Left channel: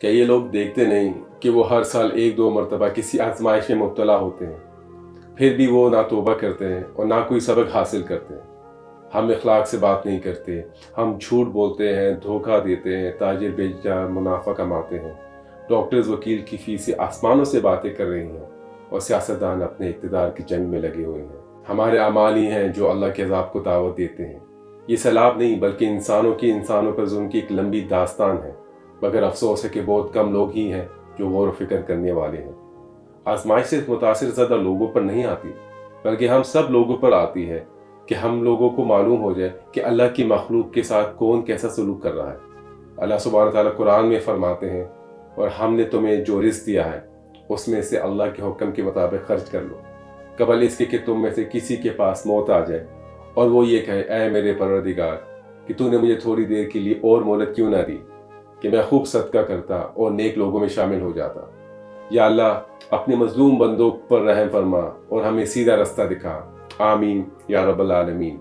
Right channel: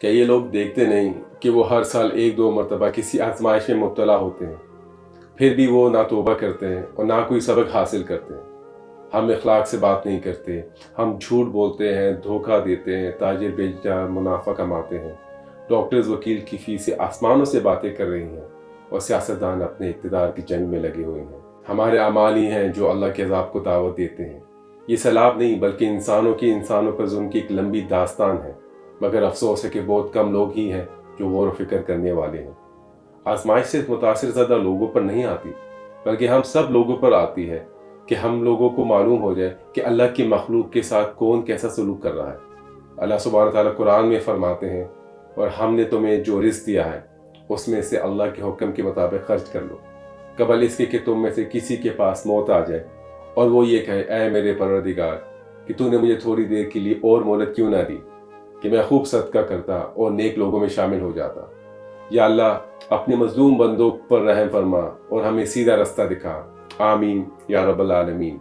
کہ یہ لوگ دیکھتے نہیں کہ وہ ہر سال ایک دو مرتبہ کسی آزمائش میں مبتلا ہوتے ہیں، پھر بھی وہ نہ توبہ کرتے ہیں اور نہ کوئی سبق حاصل کرتے ہیں۔ ہم اخلاق سے بات نہیں کرتے، ہم جھوٹ بولتے ہیں، دھوکہ دیتے ہیں، تاجر بیچ جا منافع کماتے ہیں، ڈاکٹرز وکیل کی فیس سے آسمانوں سے باتیں کر رہے ہیں، اور سیاستدان اپنے اقتدار کی جنگ میں لگے ہوئے ہیں۔ ہمارے اعمال ہی ہیں جو اللہ کے عذاب کو دعوت دیتے ہیں۔ یہ سیلاب نہیں بلکہ انسانوں پر ظلم کی ایک لمبی داستان ہے، مگر افسوس ہے کہ بہت کم لوگ ہی ہیں جو غور و فکر کرنے والے ہیں۔ آزمائش صرف متاثر زدہ لوگوں پر نہیں آتی، بلکہ ہم سب لوگوں پر آتی ہے کہ ہم لوگوں کو معلوم ہو جائے کہ اللہ کی مخلوق کے ساتھ کون کیسا سلوک کر رہا ہے۔ اللہ سبحانہ تعالیٰ قرآن میں فرماتے ہیں، اور ہم نے تمہیں جو رزق دیا ہے اس میں سے اللہ کے حکم کے مطابق خرچ کر لو، قبل اس کے کہ تم میں سے کسی کے پاس موت آ جائے اور وہ یہ کہے اے میرے پروردگار کہ تو نے مجھے تھوڑی دیر کے لیے اور مہلت کیوں نہ دی کہ میں خوب صدقہ کرتا اور نیک لوگوں میں شامل ہو جاتا۔ یا اللہ اپنے مظلوم بندوں پر رحم فرما اور ہمیں سیدھا رستہ دکھا، آمین یا رب العالمین۔